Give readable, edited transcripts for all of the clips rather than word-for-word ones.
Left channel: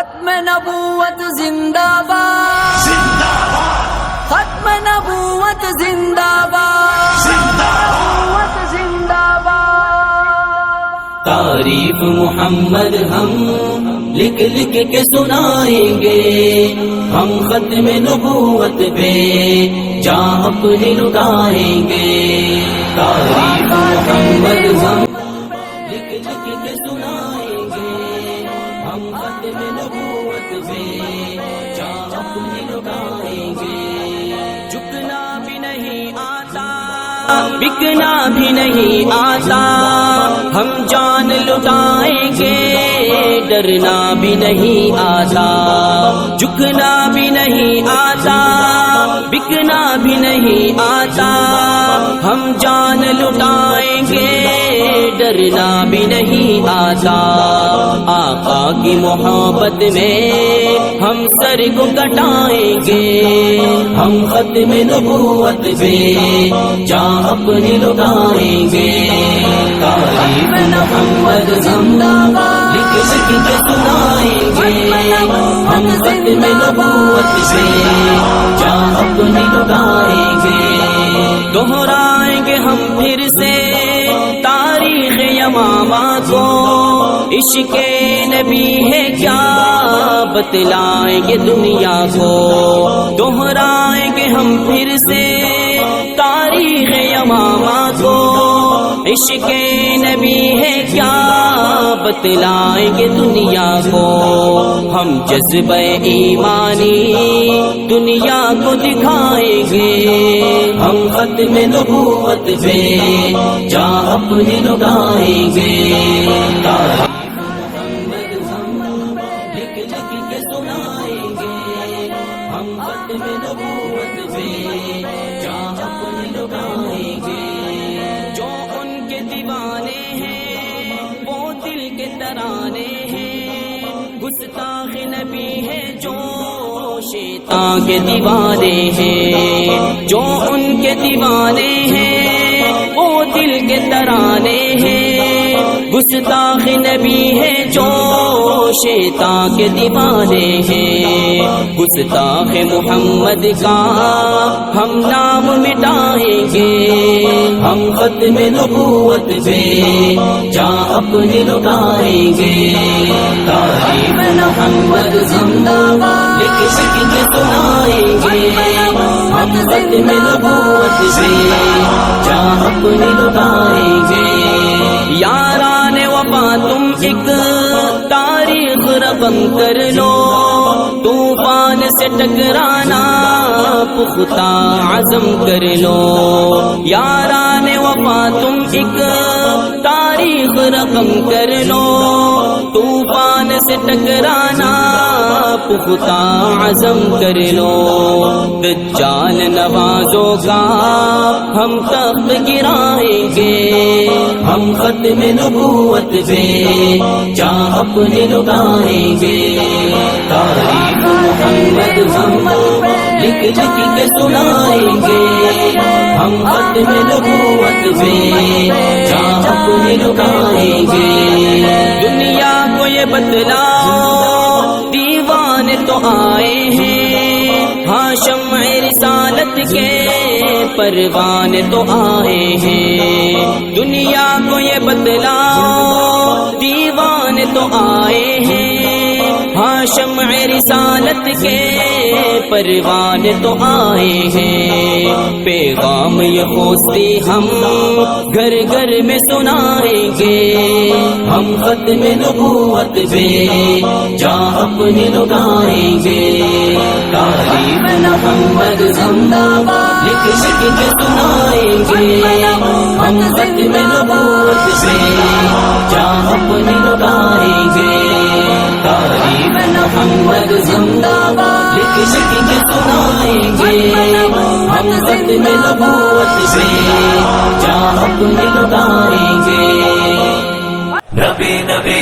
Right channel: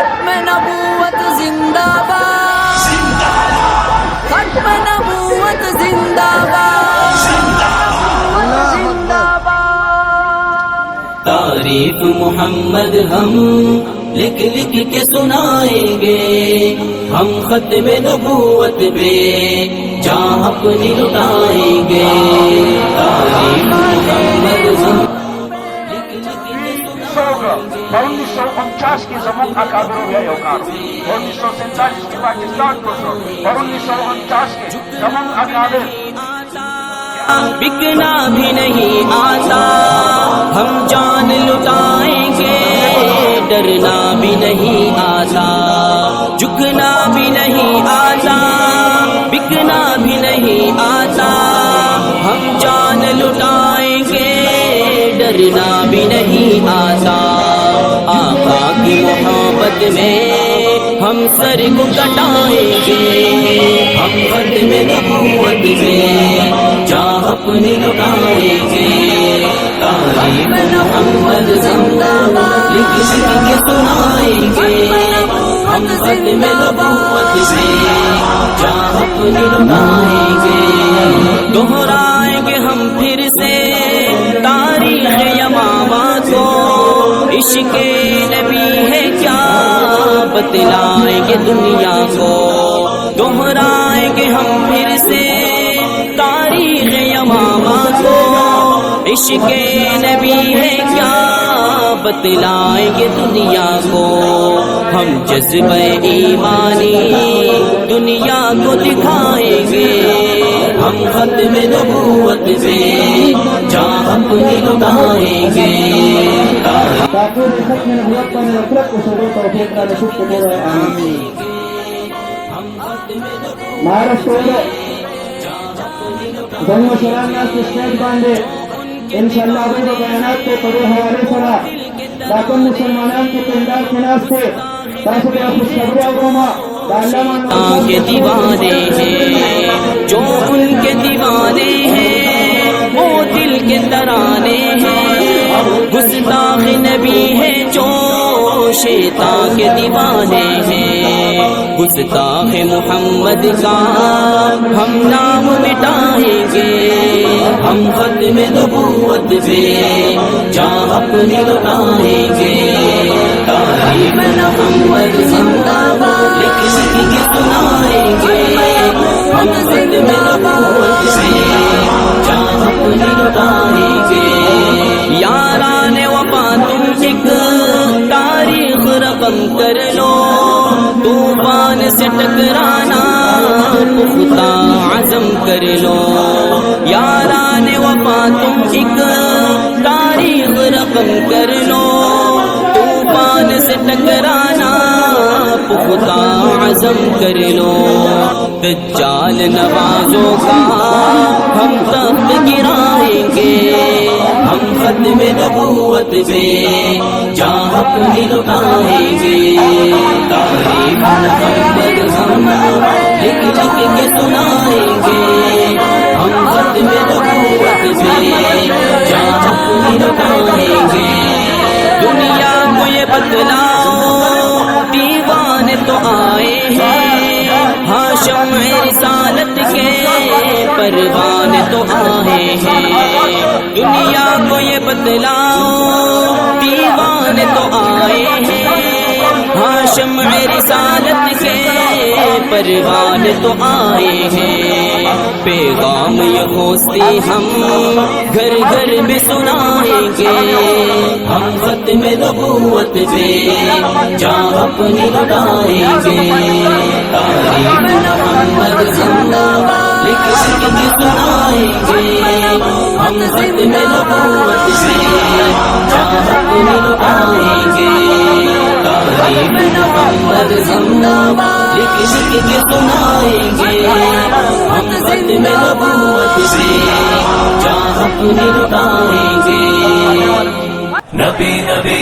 ختم نبوت زندہ باد، ختم نبوت زندہ باد، زندہ باد۔ تعریف محمد ہم لکھ لکھ کے سنائیں گے، ہم ختم نبوت پہ جان اپنی لٹائیں گے۔ تعریف محمد ہم لکھ لکھ کے سنائیں گے، 1949 کی زمن اکابرین ہے اوقات، 1947 کے پاکستان کو، 1949 کے جھکنا بھی نہیں آتا، بکنا بھی نہیں آتا، ہم جان لٹائیں گے، ڈرنا بھی نہیں آتا، جھکنا بھی نہیں آتا، بکنا بھی نہیں آتا، ہم جان لٹائیں گے، ڈرنا بھی نہیں آتا۔ آقا کی محبت میں ہم سر کو کٹائیں گے، ہم ختم نبوت پہ جان اپنی لٹائیں گے۔ تعریف محمد زندہ باد، لکھ لکھ کے سنائیں گے، ہم ختم نبوت پہ جان اپنی لٹائیں گے۔ دہرائیں گے ہم پھر سے تاریخ یمامہ کو، عشق نبی ہے کیا بتلائیں گے دنیا کو۔ دہرائیں گے ہم پھر سے تاریخ یمامہ کو، عشق نبی ہے کیا بتلائیں گے دنیا کو۔ ہم جذبہ ایمانی دنیا کو دکھائیں گے، ہم ختم نبوت پہ جان اپنی لٹائیں گے۔ جو ان کے دیوانے ہیں وہ دل کے ترانے ہیں، گستاخ نبی ہے جو شیطان کے دیوانے ہیں، جو ان کے دیوانے ہیں وہ دل کے ترانے ہیں، گستاخ نبی ہے جو شیطان کے دیوانے ہیں۔ گستاخ محمد کا ہم نام مٹائیں گے، ہم ختم نبوت پہ جان اپنی لٹائیں گے۔ تعریف محمد زندہ باد، لکھ لکھ کے سنائیں گے، ہم ختم نبوت پہ جان اپنی لٹائیں گے۔ یاران وفا تم ایک تاریخ رقم کر لو، طوفان سے ٹکرانا پختہ عزم کر لو۔ یاران وفا تم ایک تاریخ رقم کر لو، طوفان سے ٹکرانا پختہ عزم کر لو۔ دجال نوازوں کا ہم تخت گرائیں گے، ہم ختم نبوت پہ جان اپنی لٹائیں گے۔ تعریف محمد ہم لکھ لکھ کے سنائیں گے، ہم ختم نبوت پہ جان اپنی لٹائیں گے۔ دنیا کو یہ بتلاؤ دیوانے تو آئے ہیں، ہاں شمع رسالت کے پروانے تو آئے ہیں۔ دنیا کو یہ بتلاؤ دیوانے تو آئے ہیں، ہاں شمع رسالت کے پروانے تو آئے ہیں۔ پیغام یہ خوستی ہم گھر گھر میں سنائیں گے، ہم ختم نبوت پہ جان اپنی لٹائیں گے۔ تعریف محمد زندہ باد، لکھ لکھ کے سنائیں گے، ہم ختم نبوت پہ جان اپنی لٹائیں گے۔ تعریف محمد زندہ باد، لکھ لکھ کے سنائیں گے، ہم ختم نبوت پہ جان اپنی لٹائیں گے۔ نبی نبی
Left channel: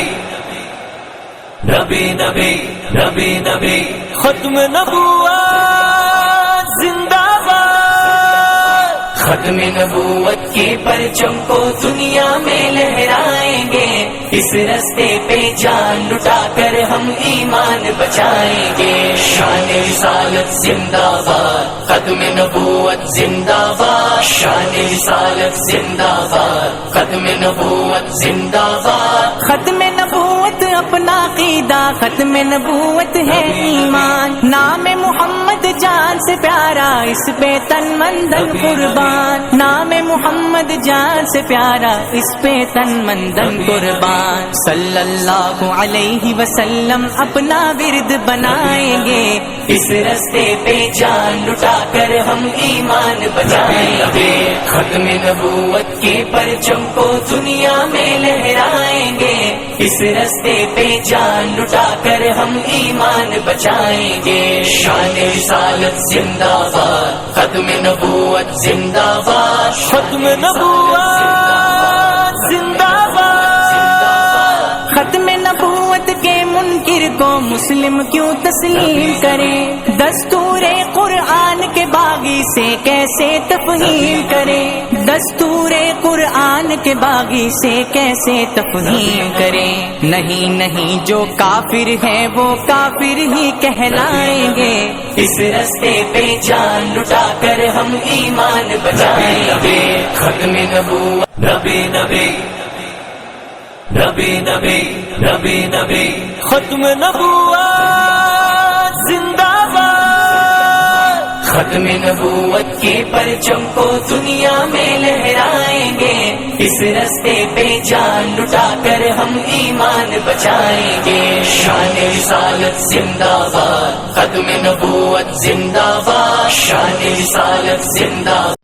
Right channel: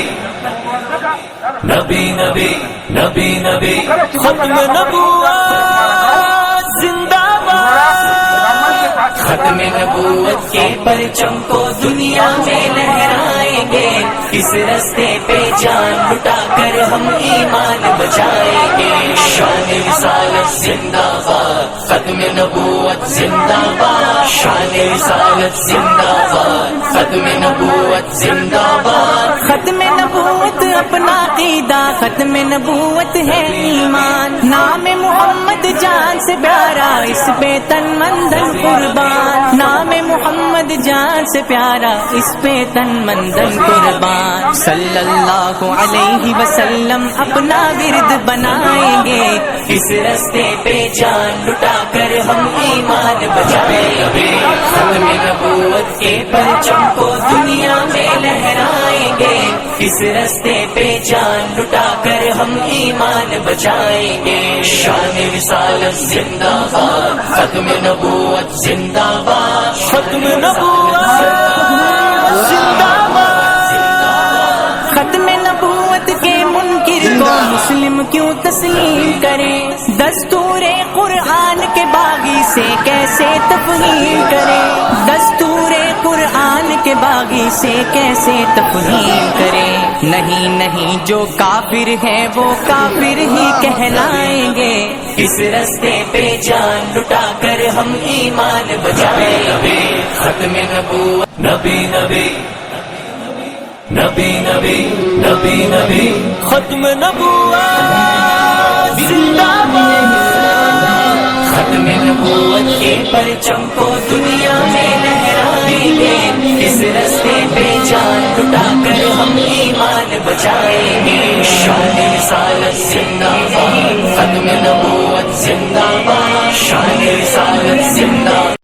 نبی نبی نبی نبی ختم نبوت زندہ باد، ختم نبوت کے پرچم کو دنیا میں لہرائیں گے، اس رستے پہ جان لٹا کر ہم ایمان بچائیں گے۔ شان رسالت زندہ باد، ختم نبوت زندہ باد، شان رسالت زندہ باد، ختم نبوت زندہ باد۔ ختم نبوت اپنا عقیدہ، ختم نبوت ہے ایمان، نام محمد جان سے پیارا، اس پہ تن من دھن قربان، نام محمد جان سے پیارا، اس پہ تن من دھن قربان۔ صلی اللہ علیہ وسلم اپنا ورد بنائیں گے، اس رستے پہ جان لٹا کر ہم ایمان بچائیں گے۔ ختم نبوت کے پرچم کو دنیا میں لہرائیں گے، اس رستے پہ جان لٹا کر ہم ایمان بچائیں گے۔ شان رسالت زندہ باد، ختم نبوت زندہ باد، ختم نبوت زندہ باد۔ ختم نبوت کے منکر کو مسلم کیوں تسلیم کرے، دستور قرآن کے باغی سے کیسے تفہیم کرے، دستور قرآن کے باغی سے کیسے تفہیم کرے۔ نہیں نہیں جو کافر ہے وہ کافر ہی کہلائیں گے، اس رستے پہ جان لٹا کر ہم ایمان بچائیں گے۔ ختم نبوت نبی نبی نبی نبی نبی نبی، ختم نبوت زندہ باد۔ ختم نبوت کے پرچم کو دنیا میں لہرائیں گے، اس رستے پہ جان لٹا کر ہم ایمان بچائیں گے۔ شان رسالت زندہ باد، ختم نبوت زندہ باد، شان رسالت زندہ